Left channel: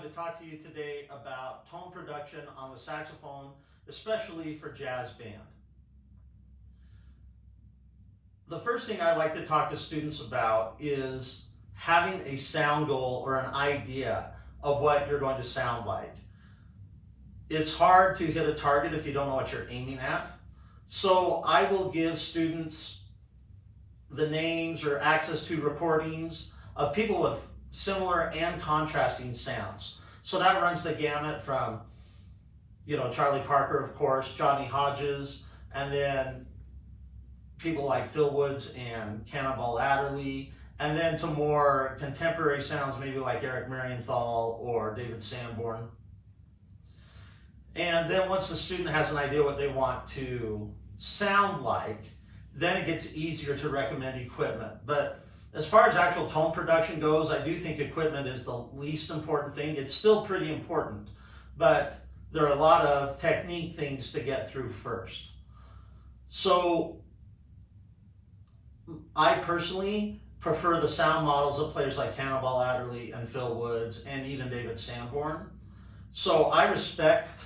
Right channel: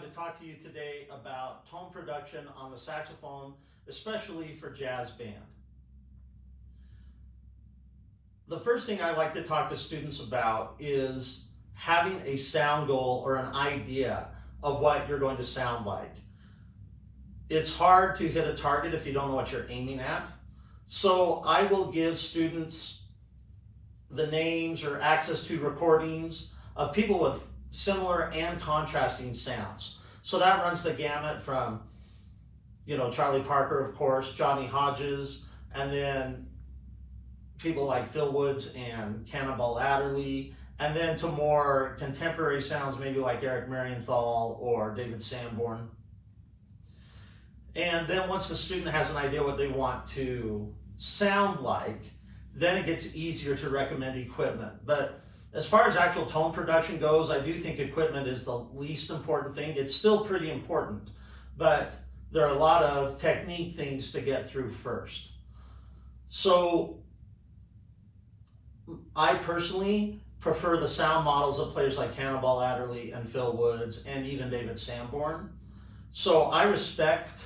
going to talk to you today about tone production on the saxophone, especially for jazz band. The first thing I like to talk to students about is having a sound goal or an idea of what you're going to sound like. It's hard to hit a target if you don't know what you're aiming at. So I will give students the names or access to recordings of people with similar and contrasting sounds. So that runs the gamut from, Charlie Parker, of course, Johnny Hodges, and then people like Phil Woods and Cannonball Adderley, and then to more contemporary sounds, maybe like Eric Marienthal or David Sanborn. And then once the student has an idea what they want to sound like, then it gets easier to recommend equipment. But as far as actual tone production goes, I do think equipment is the least important thing. It's still pretty important, but there are a lot of technique things to get through first. So I personally prefer the sound models of players like Cannonball Adderley and Phil Woods and even David Sanborn. So I respect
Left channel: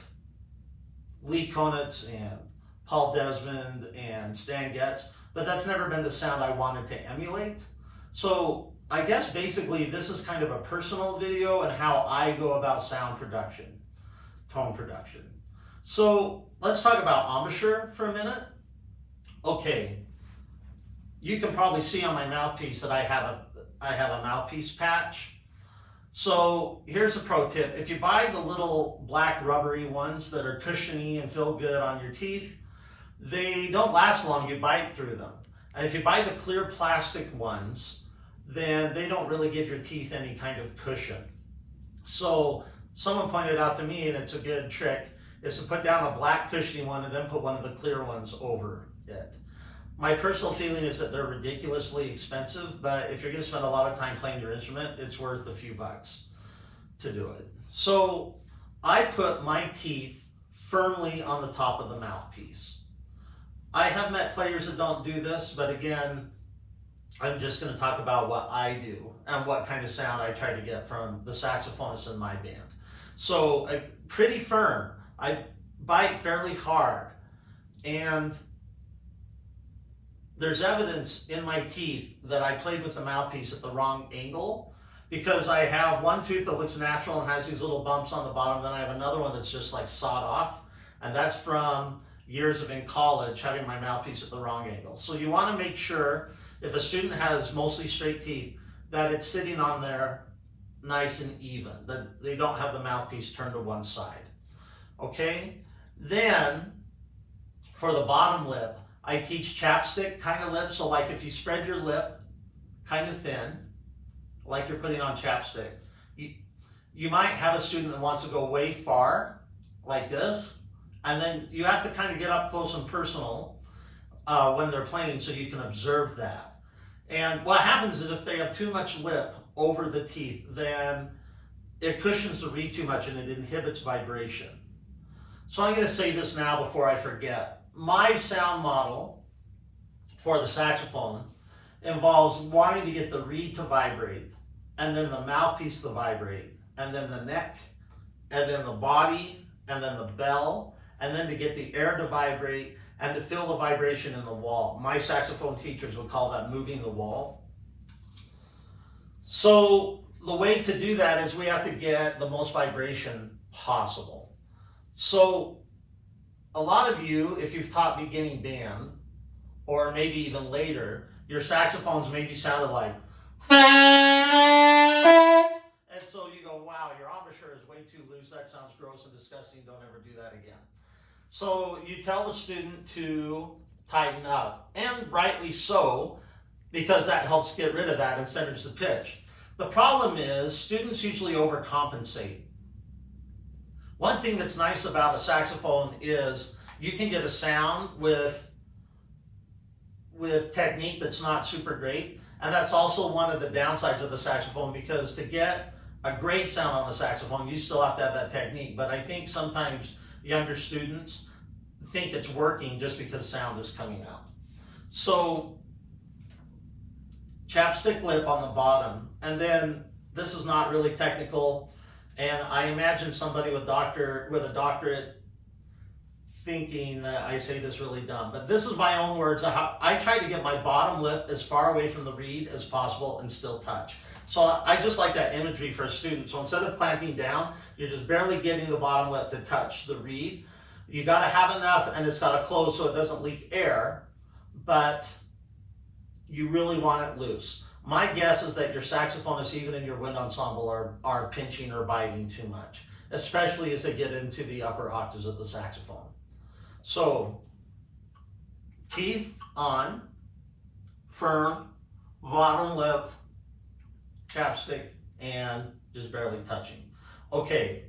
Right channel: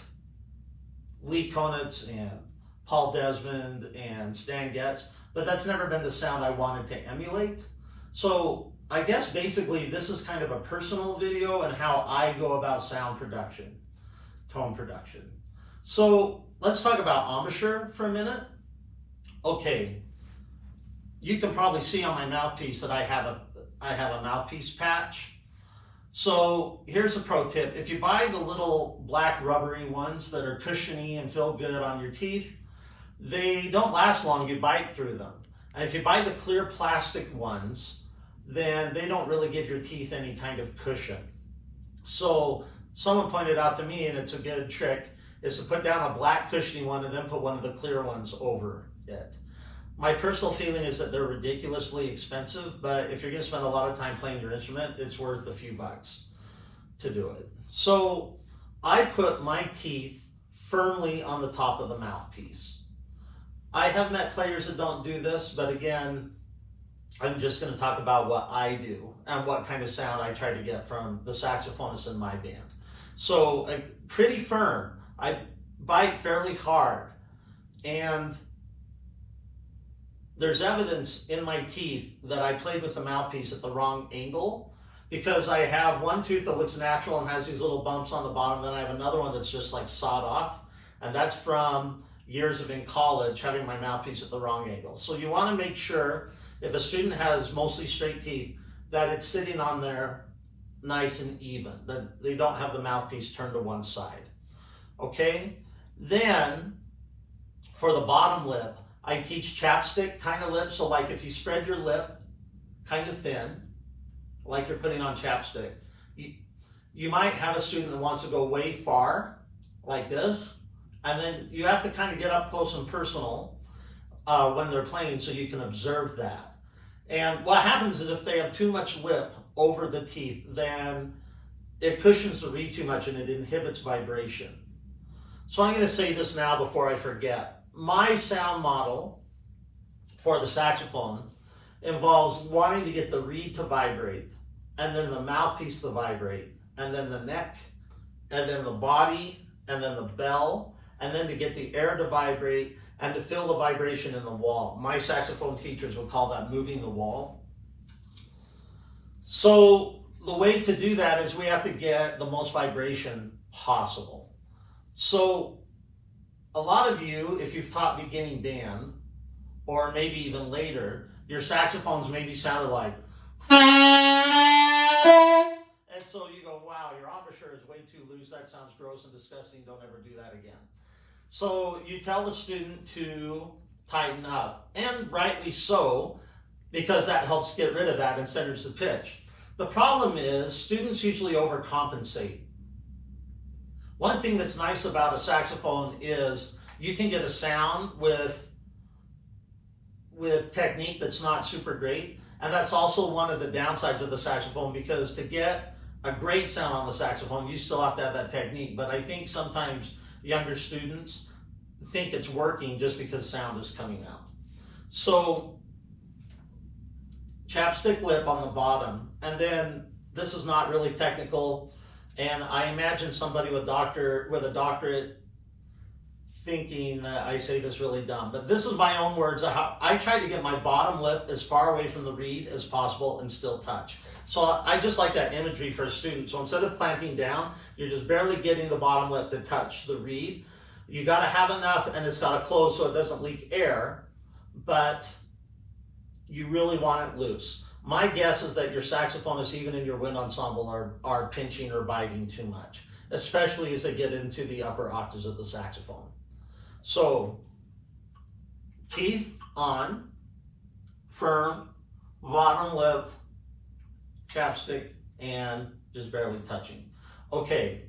Lee Konitz and Paul Desmond and Stan Getz, but that's never been the sound I wanted to emulate. So I guess basically this is kind of a personal video and how I go about sound production, tone production. So let's talk about embouchure for a minute. Okay, you can probably see on my mouthpiece that I have a mouthpiece patch. So here's a pro tip. If you buy the little black rubbery ones that are cushiony and feel good on your teeth, they don't last long, you bite through them. And if you buy the clear plastic ones, then they don't really give your teeth any kind of cushion. So someone pointed out to me, and it's a good trick, is to put down a black cushiony one and then put one of the clear ones over it. My personal feeling is that they're ridiculously expensive, but if you're going to spend a lot of time playing your instrument, it's worth a few bucks to do it. So I put my teeth firmly on the top of the mouthpiece. I have met players that don't do this, but again, I'm just going to talk about what I do and what kind of sound I try to get from the saxophonists in my band. So pretty firm. I bite fairly hard, and there's evidence in my teeth that I played with the mouthpiece at the wrong angle, because I have one tooth that looks natural and has these little bumps on the bottom, then I have another one that's just like sawed off, and that's from years of in college having my mouthpiece at the wrong angle. So you want to make sure, if a student has mostly straight teeth, that it's sitting on there nice and even, that they don't have the mouthpiece turned to one side. Okay? Then, for the bottom lip, I teach chapstick kind of lip. So like if you spread your lip kind of thin, like you're putting on chapstick, you might have a student that wants to go way far, like this, and then you have to kind of get up close and personal when they're playing so you can observe that. And what happens is if they have too much lip over the teeth, then it cushions the reed too much and it inhibits vibration. So I'm going to say this now before I forget. My sound model for the saxophone involves wanting to get the reed to vibrate, and then the mouthpiece to vibrate, and then the neck, and then the body, and then the bell, and then to get the air to vibrate and to feel the vibration in the wall. My saxophone teachers would call that moving the wall. So the way to do that is we have to get the most vibration possible. So a lot of you, if you've taught beginning band, or maybe even later, your saxophones maybe sounded like, and so you go, wow, your embouchure is way too loose, that sounds gross and disgusting, don't ever do that again. So you tell the student to tighten up, and rightly so, because that helps get rid of that and centers the pitch. The problem is students usually overcompensate. One thing that's nice about a saxophone is you can get a sound with technique that's not super great, and that's also one of the downsides of the saxophone, because to get a great sound on the saxophone, you still have to have that technique. But I think sometimes younger students think it's working just because sound is coming out. So chapstick lip on the bottom, and then this is not really technical, And I imagine somebody with a doctorate thinking that I say this really dumb, but this is my own words of how I try to get my bottom lip as far away from the reed as possible and still touch. So I just like that imagery for a student. So instead of clamping down, you're just barely getting the bottom lip to touch the reed. You got to have enough, and it's got to close so it doesn't leak air, but you really want it loose. My guess is that your saxophonists, even in your wind ensemble, are pinching or biting too much, especially as they get into the upper octaves of the saxophone. So, teeth on, firm, bottom lip, chapstick, and just barely touching. Okay,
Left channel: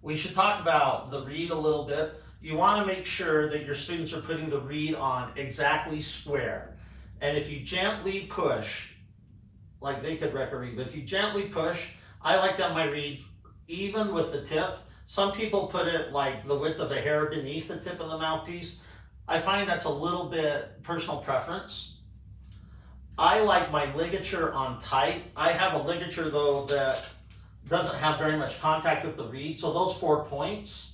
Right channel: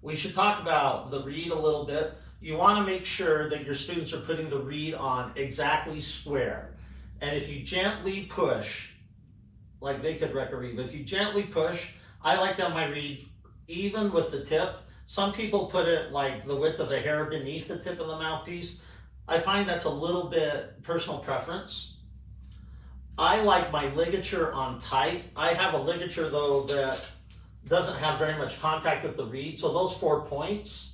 we should talk about the reed a little bit. You want to make sure that your students are putting the reed on exactly square. And if you gently push, like they could wreck a reed, but if you gently push, I like to have my reed even with the tip. Some people put it like the width of a hair beneath the tip of the mouthpiece. I find that's a little bit personal preference. I like my ligature on tight. I have a ligature though that doesn't have very much contact with the reed, so those 4 points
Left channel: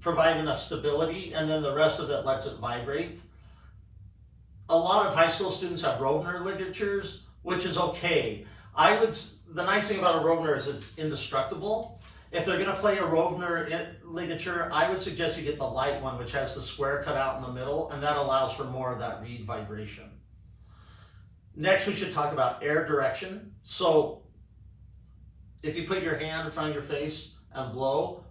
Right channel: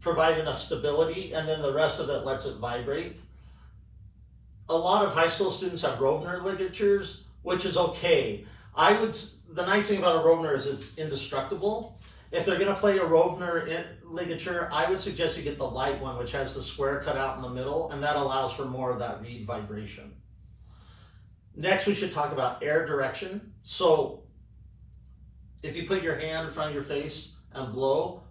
provide enough stability, and then the rest of it lets it vibrate. A lot of high school students have Rovner ligatures, which is okay. The nice thing about a Rovner is it's indestructible. If they're going to play a Rovner ligature, I would suggest you get the light one, which has the square cut out in the middle, and that allows for more of that reed vibration. Next, we should talk about air direction. So if you put your hand in front of your face and blow,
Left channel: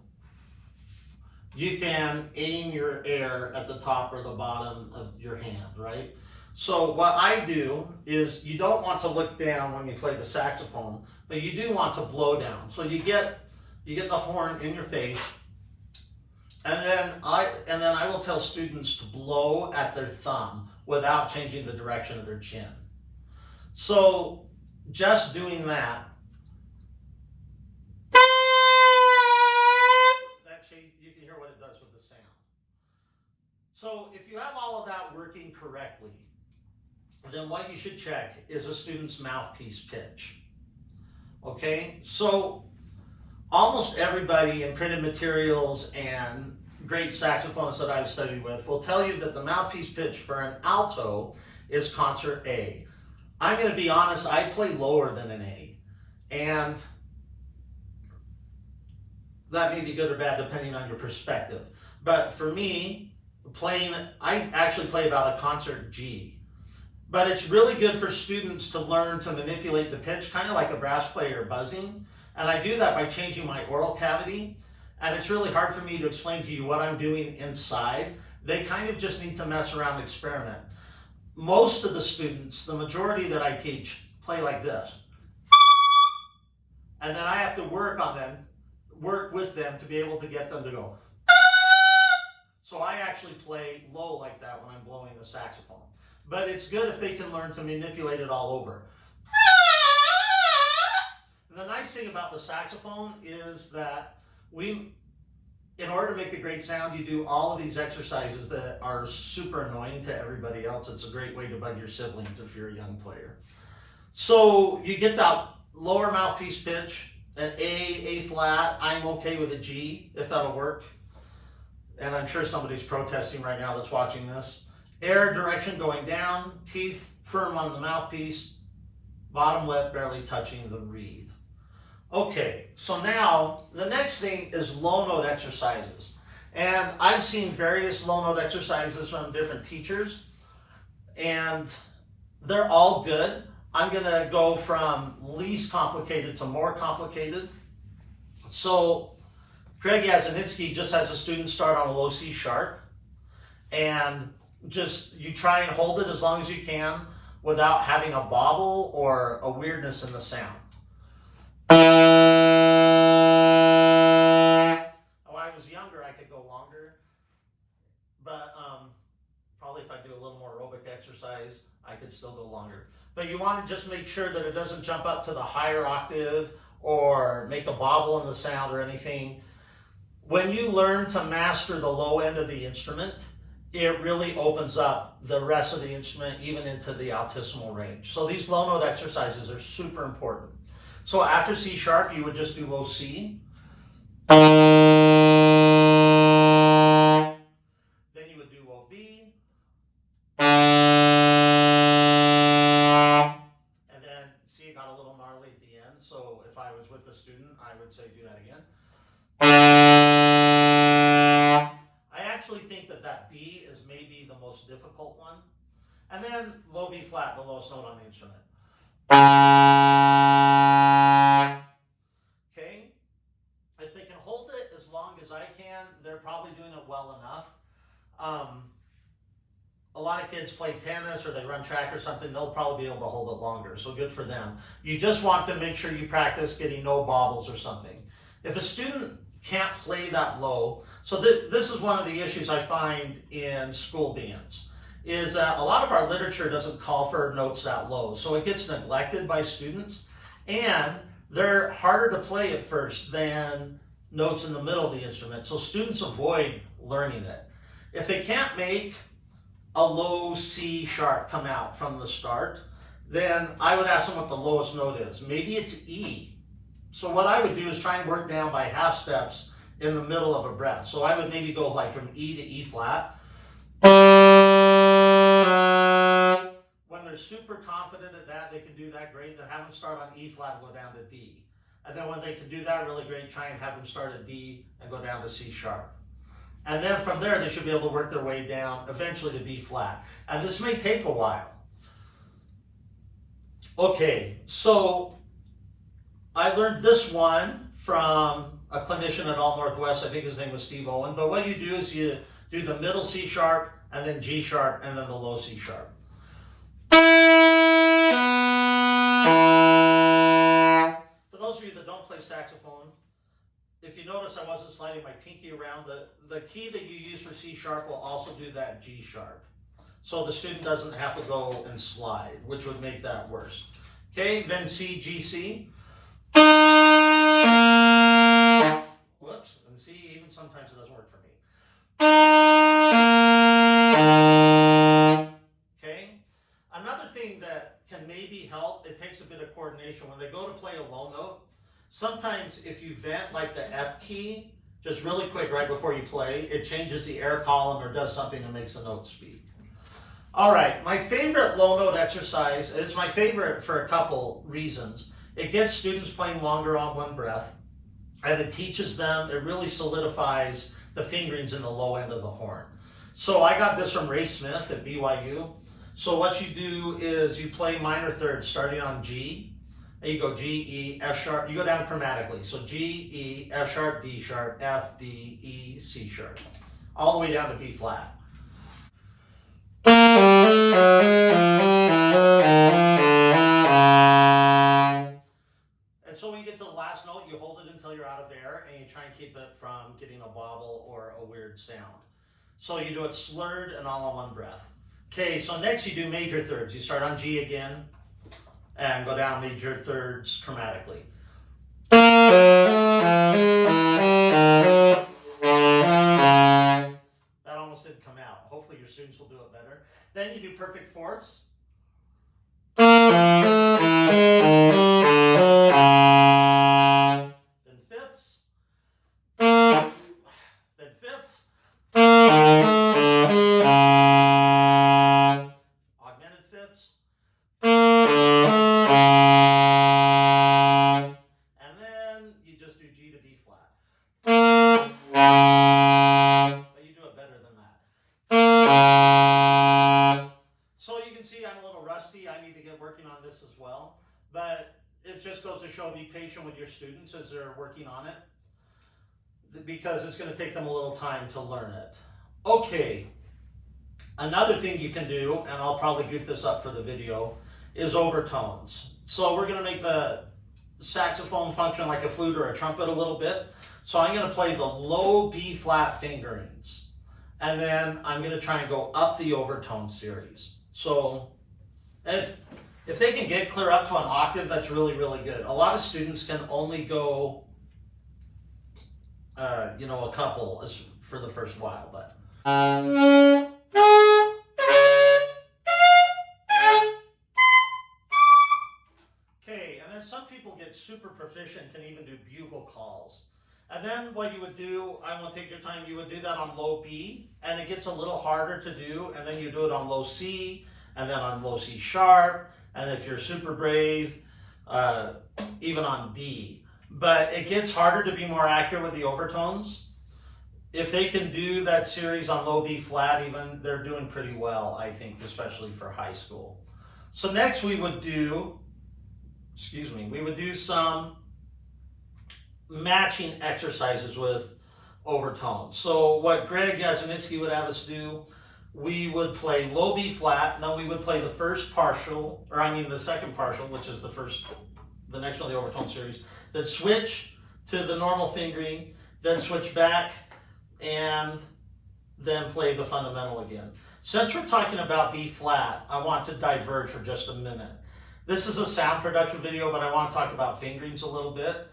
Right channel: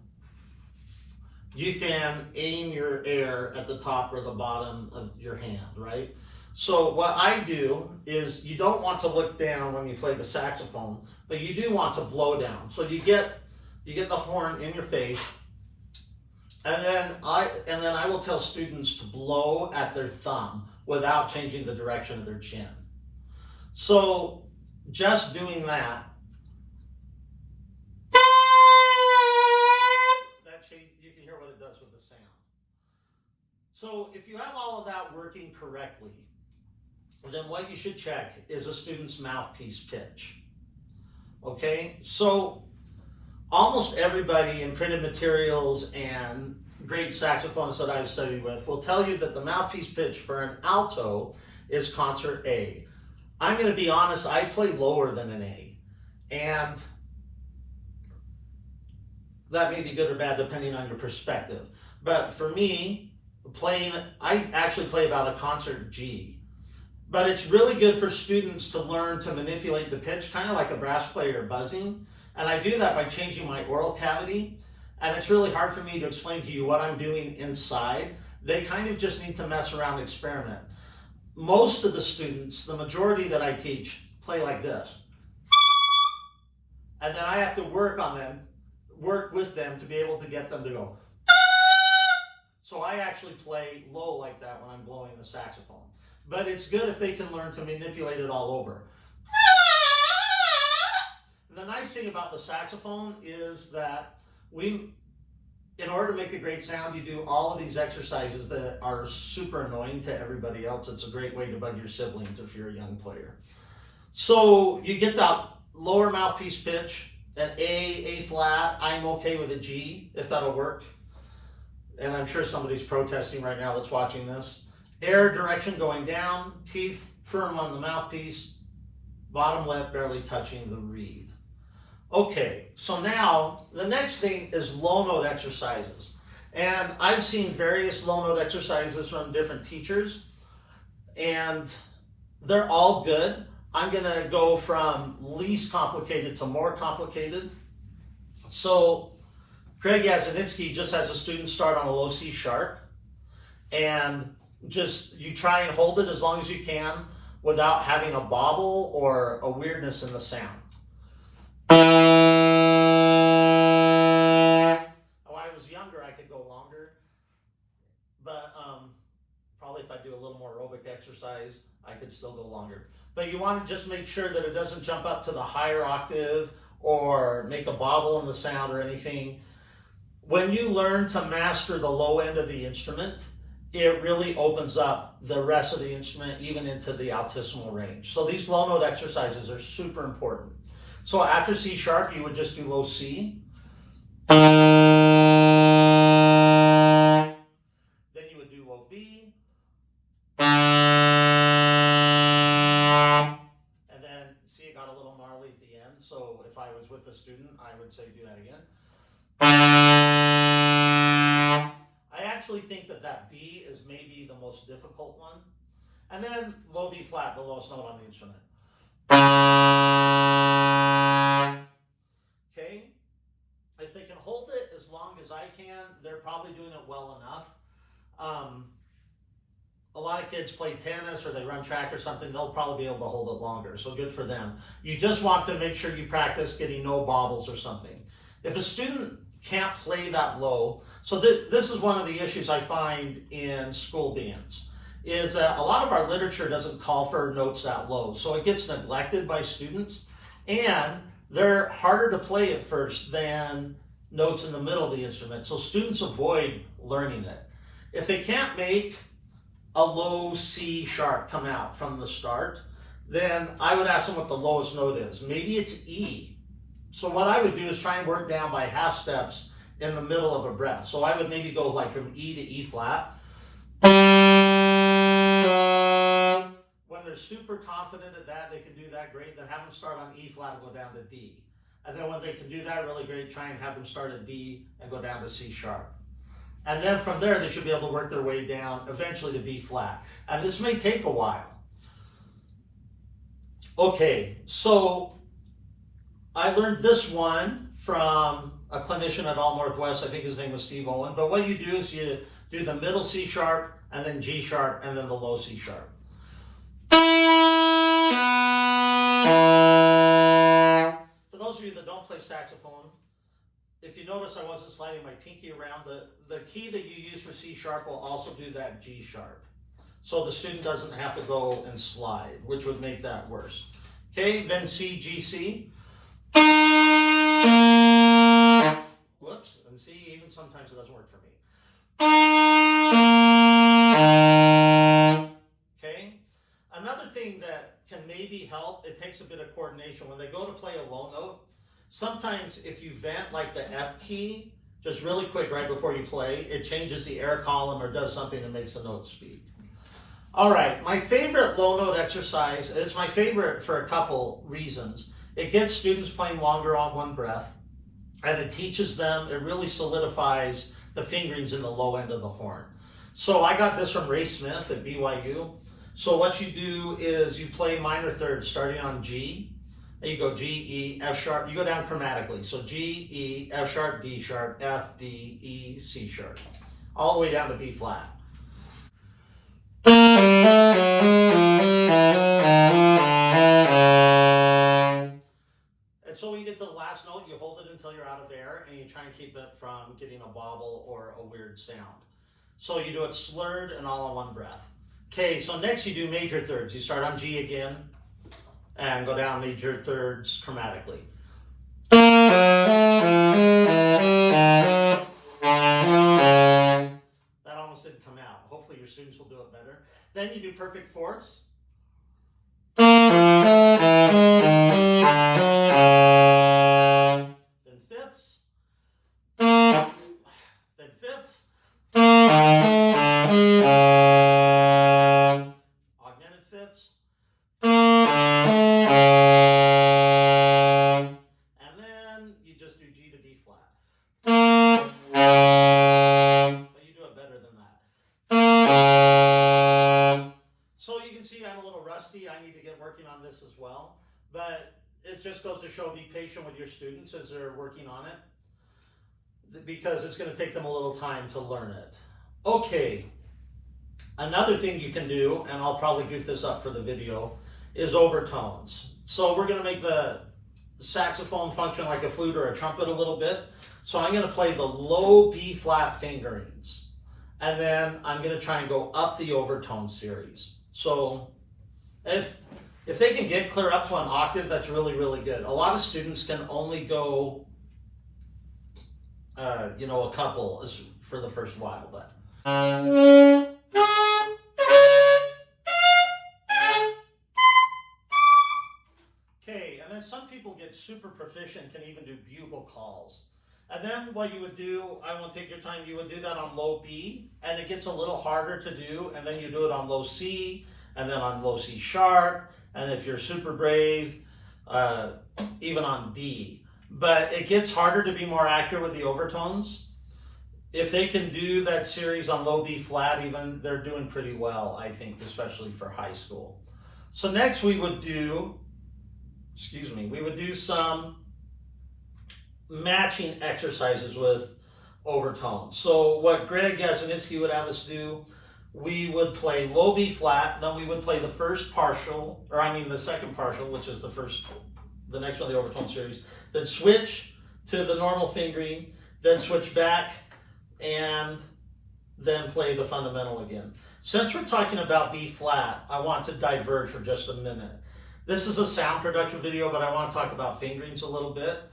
you can aim your air at the top or the bottom of your hand, right? So what I do is, you don't want to look down when you play the saxophone, but you do want to blow down. So you get the horn in your face, and then I will tell students to blow at their thumb without changing the direction of their chin. So just doing that you can hear what it does with the sound. So if you have all of that working correctly, then what you should check is a student's mouthpiece pitch. Okay, so almost everybody in printed materials and great saxophonists that I've studied with will tell you that the mouthpiece pitch for an alto is concert A. I'm going to be honest, I play lower than an A, and that may be good or bad depending on your perspective. But for me, I actually play about a concert G. But it's really good for students to learn to manipulate the pitch, kind of like a brass player buzzing. And I do that by changing my oral cavity. And it's really hard for me to explain to you what I'm doing inside. They kind of just need to mess around and experiment. Most of the students, the majority that I teach, play like this. And then I have to work with them to be able to get them to go. So I actually play low like that when I'm blowing the saxophone. But it's good if they can learn to manipulate it all over. And the nice thing about the saxophone is that in order to make a great sound, you do all of these exercises that are super annoying to everybody else. It's a great way to bug your siblings if you're a young player. So you get that lower mouthpiece pitch, an A flat. I'm okay with a G if that'll work. And I'm sure somebody's protesting right now that's watching this. Air direction going down, teeth firm on the mouthpiece, bottom lip barely touching the reed. Okay, so now the next thing is low note exercises. And I've seen various low note exercises from different teachers, and they're all good. I'm gonna go from least complicated to more complicated. So Craig Yazanitsky just has a student start on a low C sharp, and you try and hold it as long as you can without having a bobble or a weirdness in the sound. When I was younger, I could go longer, but probably if I do a little more aerobic exercise, I could still go longer. But you want to just make sure that it doesn't jump up to the higher octave or make a bobble in the sound or anything. When you learn to master the low end of the instrument, it really opens up the rest of the instrument, even into the altissimo range. So these low note exercises are super important. So after C sharp, you would just do low C. Then you would do low B. And then see, it got a little gnarly at the end. So if I was with a student, I would say do that again. I actually think that B is maybe the most difficult one. And then low B flat, the lowest note on the instrument. Okay? If they can hold it as long as I can, they're probably doing it well enough. A lot of kids play tennis or they run track or something, they'll probably be able to hold it longer, so good for them. You just want to make sure you practice getting no bobbles or something. If a student can't play that low, so this is one of the issues I find in school bands, is that a lot of our literature doesn't call for notes that low, so it gets neglected by students, and they're harder to play at first than notes in the middle of the instrument, so students avoid learning it. If they can't make a low C sharp come out from the start, then I would ask them what the lowest note is. Maybe it's E. So what I would do is try and work down by half steps in the middle of a breath. So I would maybe go like from E to E flat. When they're super confident at that, they can do that great, then have them start on E flat and go down to D. And then when they can do that really great, try and have them start at D and go down to C sharp. And then from there, they should be able to work their way down eventually to B flat. And this may take a while. Okay, so I learned this one from a clinician at All Northwest. I think his name was Steve Owen. But what you do is you do the middle C sharp, and then G sharp, and then the low C sharp. For those of you that don't play saxophone, if you notice I wasn't sliding my pinky around, the key that you use for C sharp will also do that G sharp. So the student doesn't have to go and slide, which would make that worse. Okay, then C, G, C. Whoops, and C, even sometimes it doesn't work for me. Okay, another thing that can maybe help, it takes a bit of coordination. When they go to play a low note, sometimes if you vent like the F key, just really quick right before you play, it changes the air column or does something that makes the note speak. All right, my favorite low note exercise, it's my favorite for a couple reasons. It gets students playing longer on one breath, and it teaches them, it really solidifies the fingerings in the low end of the horn. So I got this from Ray Smith at BYU. So what you do is you play minor thirds starting on G, and you go G, E, F sharp, you go down chromatically. So G, E, F sharp, D sharp, F, D, E, C sharp, all the way down to B flat. And so when you get to the last note, you hold it until you're out of air, and you try and keep it from getting a wobble or a weird sound. So you do it slurred and all in one breath. Okay, so next you do major thirds. You start on G again, and go down major thirds chromatically. That almost didn't come out. Hopefully your students will do it better. Then you do perfect fourths. Then fifths. Then fifths. Augmented fifths. And then you just do G to B flat. But you do it better than that. So you can see I'm a little rusty. I need to get working on this as well. But it just goes to show, be patient with your students as they're working on it, because it's going to take them a little time to learn it. Okay, another thing you can do, and I'll probably goof this up for the video, is overtones. So we're going to make the saxophone function like a flute or a trumpet a little bit. So I'm going to play the low B flat fingerings, and then I'm going to try and go up the overtone series. So if they can get clear up to an octave, that's really, really good. A lot of students can only go, a couple for the first while, but. Okay, and then some people people get super proficient, can even do bugle calls. And then what you would do, I won't take your time, you would do that on low B, and it gets a little harder to do, and then you do it on low C, and then on low C sharp, and if you're super brave, even on D. But it gets harder to be more accurate with the overtones. If they can do that series on low B flat even, they're doing pretty well, I think, especially for high school. So next we would do, we would do some matching exercises with overtones. So what Greg Yasinitsky would have us do, we would play low B flat, then we would play the first partial, or I mean the second partial, which is the next one, the overtone series, then switch to the normal fingering, then switch back, and then play the fundamental again. Since we're talking about B flat, I want to diverge for just a minute. This is a sound production video, but I want to talk about fingerings a little bit.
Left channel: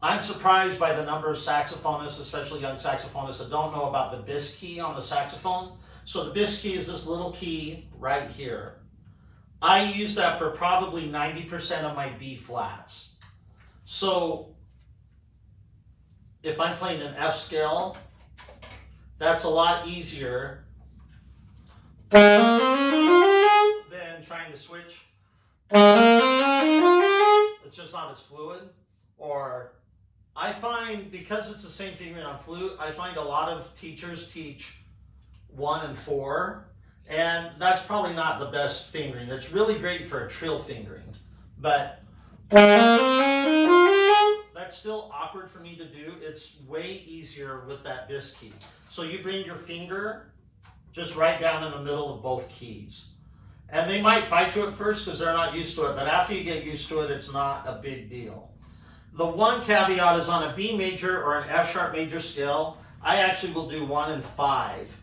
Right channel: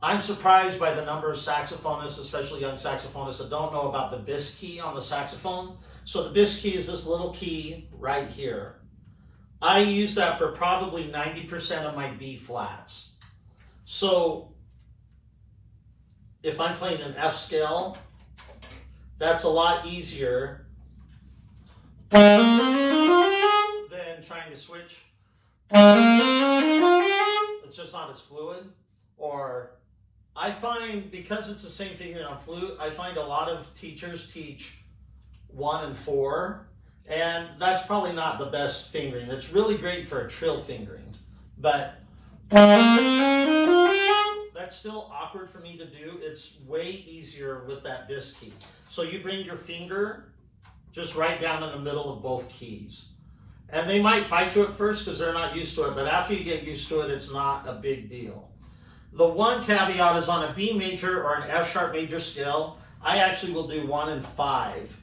I'm surprised by the number of saxophonists, especially young saxophonists, that don't know about the bis key on the saxophone. So the bis key is this little key right here. I use that for probably 90% of my B flats. So if I'm playing an F scale, that's a lot easier than trying to switch. It's just not as fluid. Or I find, because it's the same fingering on flute, I find a lot of teachers teach 1 and 4, and that's probably not the best fingering. It's really great for a trill fingering, but that's still awkward for me to do. It's way easier with that bis key. So you bring your finger just right down in the middle of both keys. And they might fight you at first because they're not used to it, but after you get used to it, it's not a big deal. The one caveat is on a B major or an F sharp major scale, I actually will do 1 and 5.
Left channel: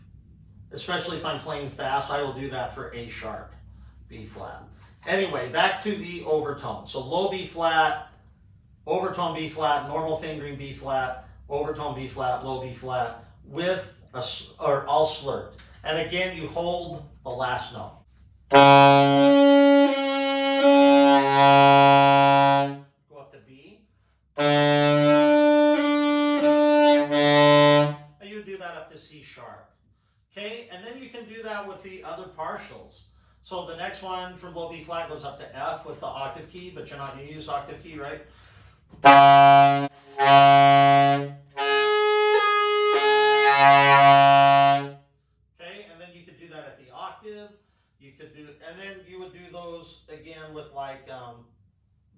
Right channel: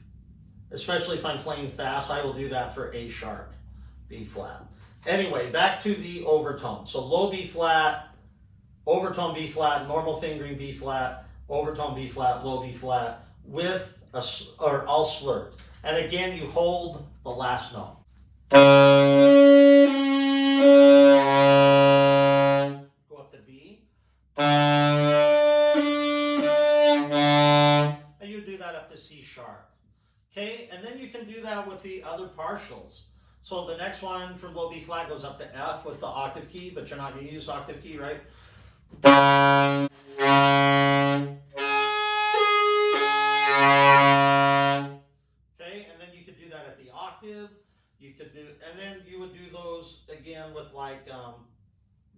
Especially if I'm playing fast, I will do that for A sharp, B flat. Anyway, back to the overtone. So low B flat, overtone B flat, normal fingering B flat, overtone B flat, low B flat, with or all slurred. And again, you hold the last note. Go up to B. And you do that up to C sharp. Okay, and then you can do that with the other partials. So the next one for low B flat goes up to F with the octave key, but you're not going to use octave key, right? Okay, and then you could do that at the octave. You could do, and then you would do those again with like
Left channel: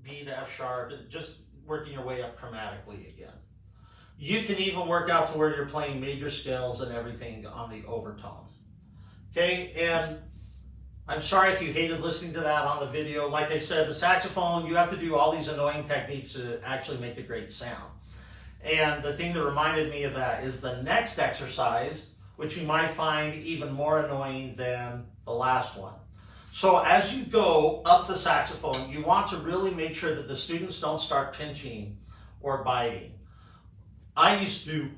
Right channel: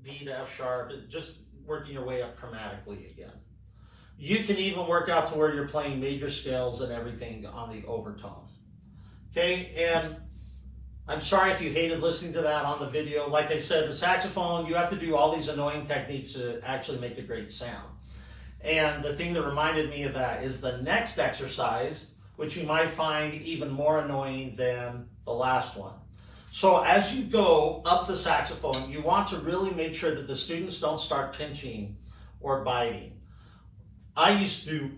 B to F sharp, just working your way up chromatically again. You can even work out to where you're playing major scales and everything on the overtone. Okay, and I'm sorry if you hated listening to that on the video. Like I said, the saxophone, you have to do all these annoying techniques to actually make a great sound. And the thing that reminded me of that is the next exercise, which you might find even more annoying than the last one. So as you go up the saxophone, you want to really make sure that the students don't start pinching or biting. I used to,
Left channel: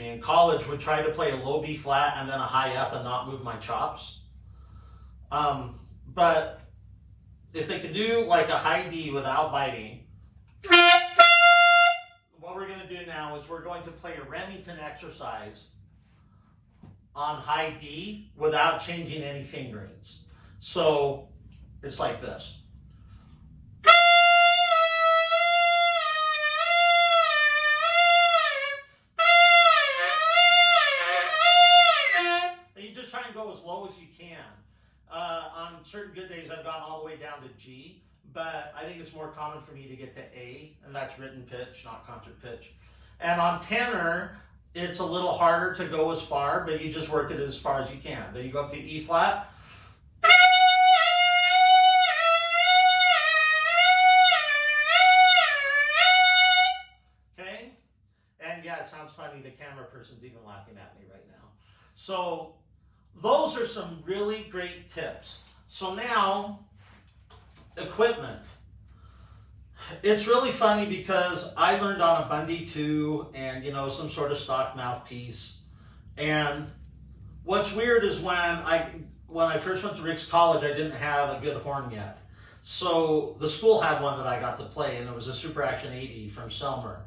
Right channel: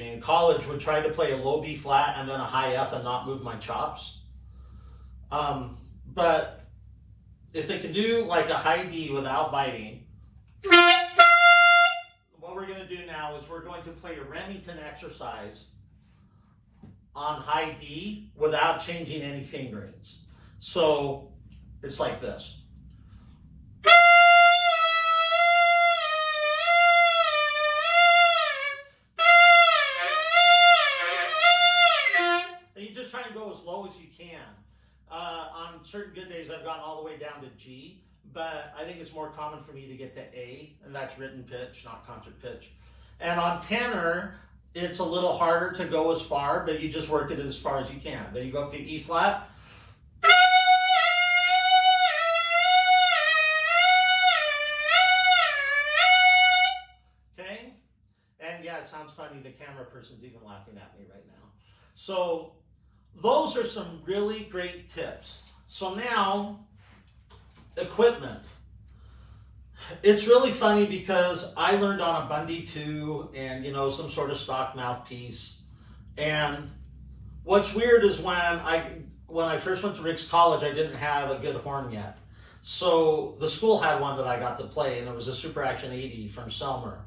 in college, would try to play a low B flat and then a high F and not move my chops. But if they can do like a high D without biting, what we're going to do now is we're going to play a Remington exercise on high D without changing any fingerings. So it's like this. You just try and go as low as you can. On certain good days, I've gotten all the way down to G, but I think it's more common for me to get to A, and that's written pitch, not concert pitch. And on tenor, it's a little harder to go as far, but you just work it as far as you can. Then you go up to E flat. Okay? And yeah, it sounds funny. The camera person's even laughing at me right now. So those are some really great tips. So now, equipment. It's really funny because I learned on a Bundy 2 and, some sort of stock mouthpiece. And what's weird is when I first went to Rick's College, I didn't have a good horn yet. So the school had one that I got to play, and it was a Super Action 80 from Selmer.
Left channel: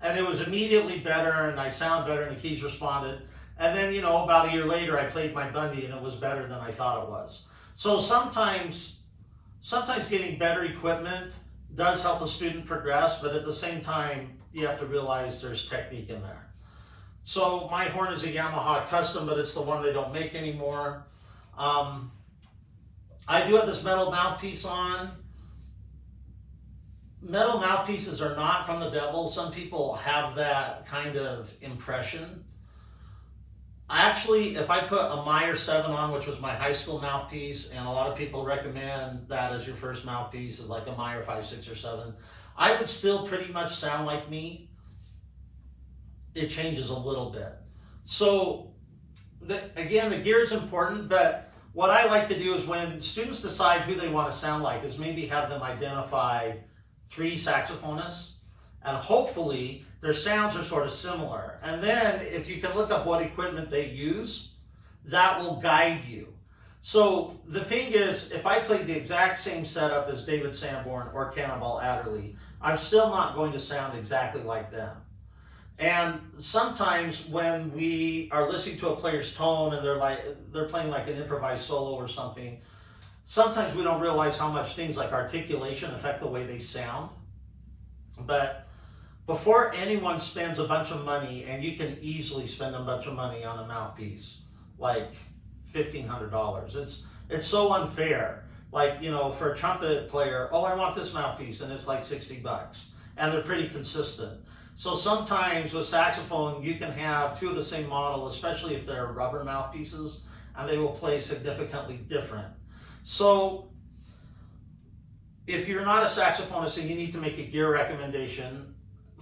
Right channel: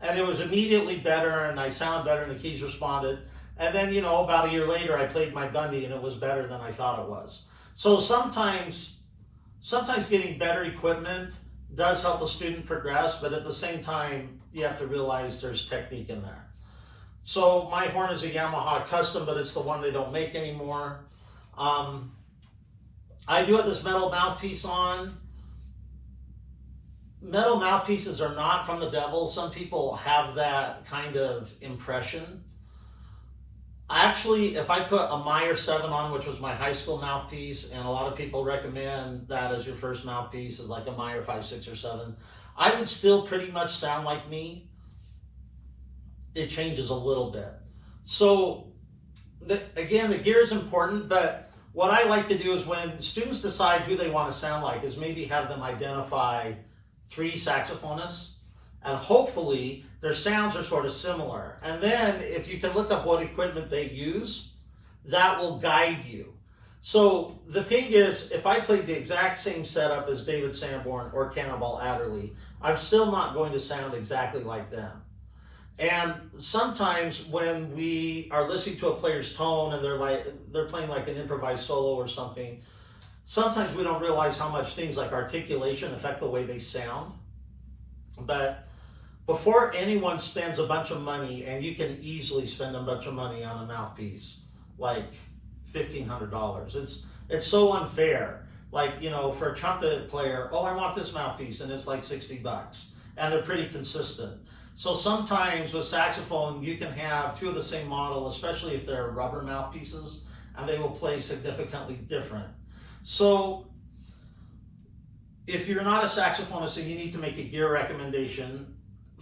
And it was immediately better, and I sounded better, and the keys responded. And then, you know, about a year later, I played my Bundy, and it was better than I thought it was. So sometimes getting better equipment does help a student progress, but at the same time, you have to realize there's technique in there. So my horn is a Yamaha custom, but it's the one they don't make anymore. I do have this metal mouthpiece on. Metal mouthpieces are not from the devil. Some people have that kind of impression. Actually, if I put a Meyer 7 on, which was my high school mouthpiece, and a lot of people recommend that as your first mouthpiece, is like a Meyer 5, 6, or 7, I would still pretty much sound like me. It changes a little bit. So, again, the gear is important, but what I like to do is when students decide who they want to sound like is maybe have them identify 3 saxophonists, and hopefully their sounds are sort of similar. And then if you can look up what equipment they use, that will guide you. So the thing is, if I played the exact same setup as David Sanborn or Cannonball Adderley, I'm still not going to sound exactly like them. And sometimes when we are listening to a player's tone and they're playing like an improvised solo or something, sometimes we don't realize how much things like articulation affect the way they sound. But before anyone spends a bunch of money, and you can easily spend a bunch of money on a mouthpiece, like $1,500, it's so unfair. Like, you know, for a trumpet player, oh, I want this mouthpiece, and it's like $60, and they're pretty consistent. So sometimes with saxophone, you can have 2 of the same model, especially if they're rubber mouthpieces, and they will play significantly different. So if you're not a saxophonist and you need to make a gear recommendation,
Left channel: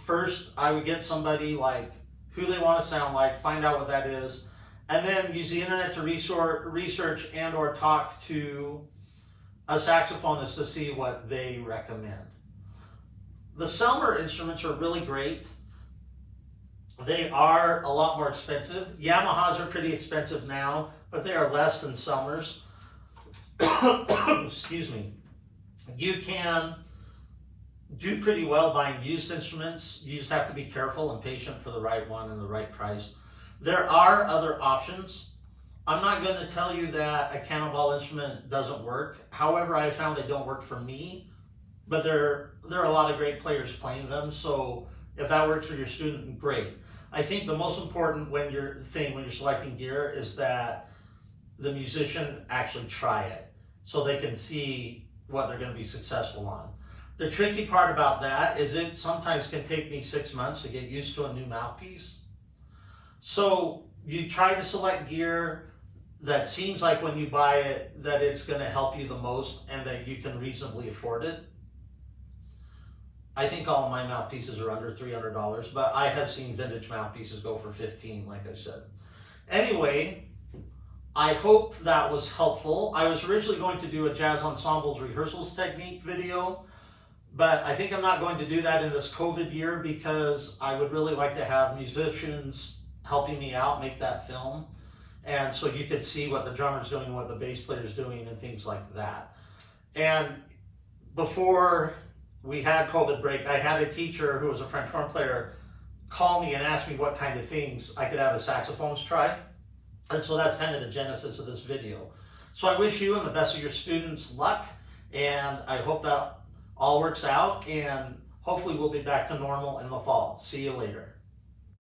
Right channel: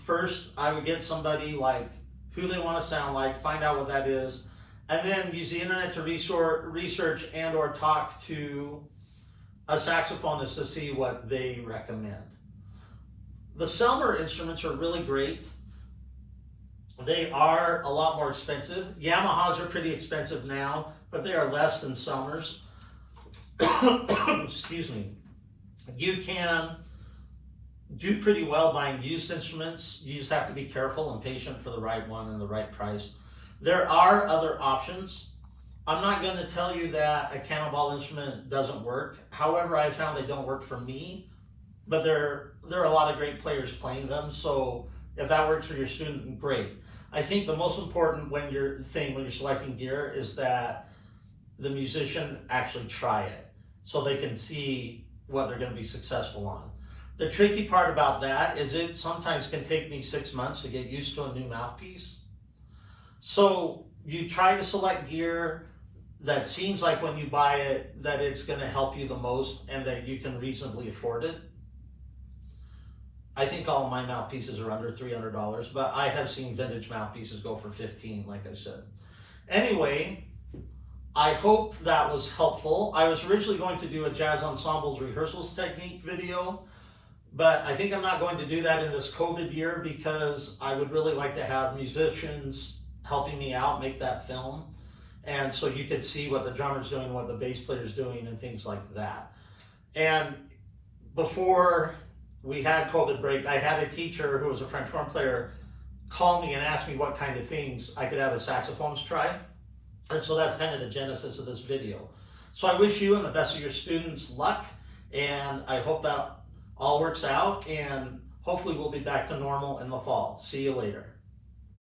first I would get somebody like who they want to sound like, find out what that is, and then use the internet to research and or talk to a saxophonist to see what they recommend. The Selmer instruments are really great. They are a lot more expensive. Yamahas are pretty expensive now, but they are less than Selmers. Excuse me. You can do pretty well buying used instruments. You just have to be careful and patient for the right one and the right price. There are other options. I'm not going to tell you that a Cannonball instrument doesn't work. However, I found they don't work for me, but there are a lot of great players playing them. So if that works for your student, great. I think the most important when you're selecting gear is that the musician actually try it so they can see what they're going to be successful on. The tricky part about that is it sometimes can take me 6 months to get used to a new mouthpiece. So you try to select gear that seems like when you buy it that it's going to help you the most and that you can reasonably afford it. I think all of my mouthpieces are under $300, but I have seen vintage mouthpieces go for $15, like I said. Anyway, I hope that was helpful. I was originally going to do a jazz ensembles rehearsals technique video, but I think I'm not going to do that in this COVID year because I would really like to have musicians helping me out make that film. And so you could see what the drummer's doing, what the bass player's doing, and things like that. And before we had COVID break, I had a teacher who was a French horn player call me and ask me what kind of things I could have a saxophonist try. And so that's kind of the genesis of this video. So I wish you and the best of your students luck, and I hope that all works out, and hopefully we'll be back to normal in the fall. See you later.